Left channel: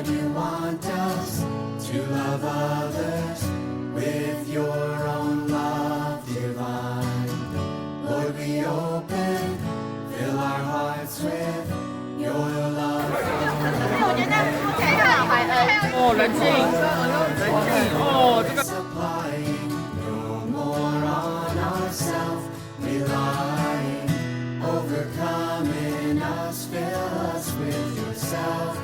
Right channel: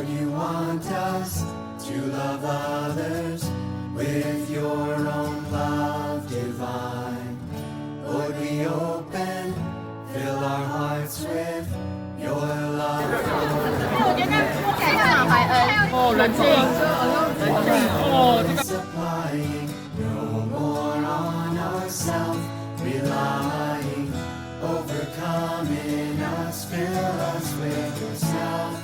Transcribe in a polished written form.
Lord, you want us to love others with your own love divine. Lord, we open, fill our hearts with your love. 我觉得说起来像马怀恩哦，冷静，哦，这个。 Supplying, no more on ourselves relying, overcoming us, fill us with yourself.